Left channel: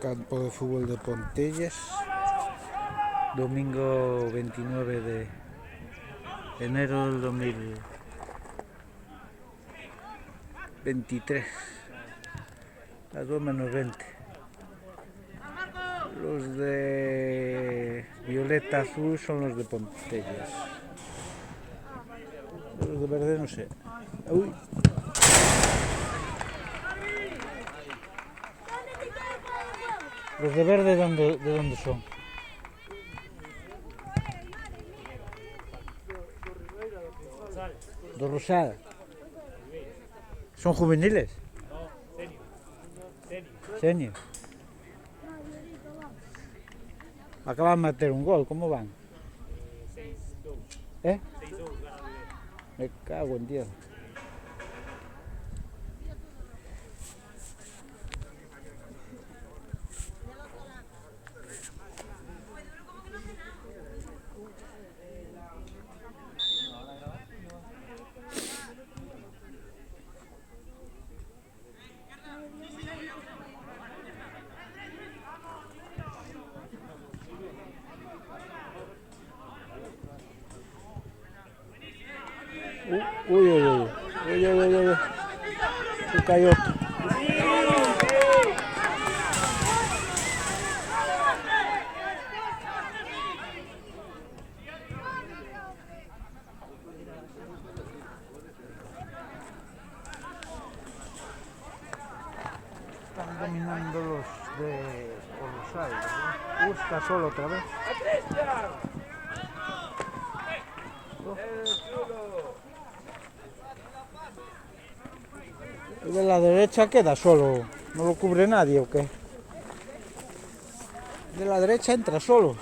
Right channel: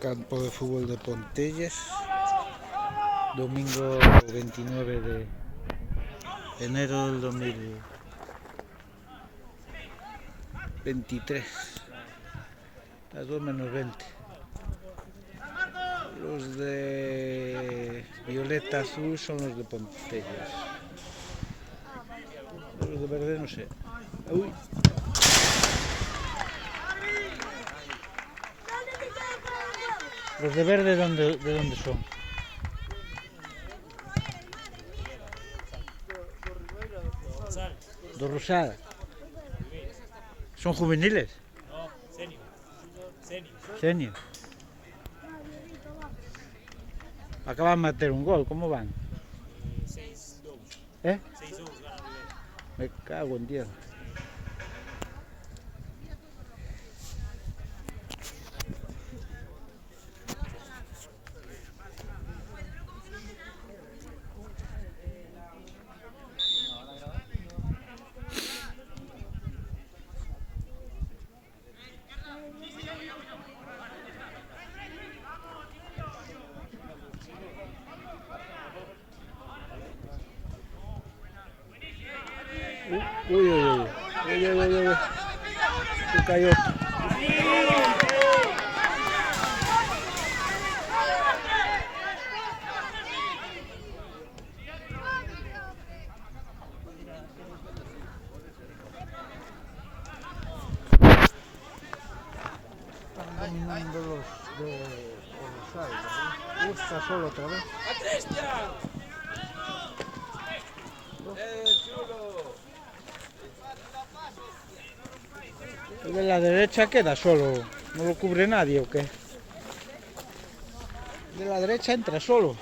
Campo de fútbol de Pontelles, domingo 29 de enero del 2023, las 2 menos 20. Los de violeta azul son los de Pontelles. Los de verde no sé. Uy. Los de verde, ¿de dónde son? ¿De Rosada? ¿Son juveniles? No, senior. Senior. Acaban de meter un gol, ¿cómo van? 6-2. ¿Eh? 6-2 gana Rivera. Me cago en Dios. Uy, uy, uy. Uy, uy, uy, uy. Se cayó. Están dominando los de Rosada. Está solo otra vez. ¡A Cristian! ¡Chulo! El de la derecha queda solo. ¿No lo cubre nadie o qué? El de la derecha entra solo.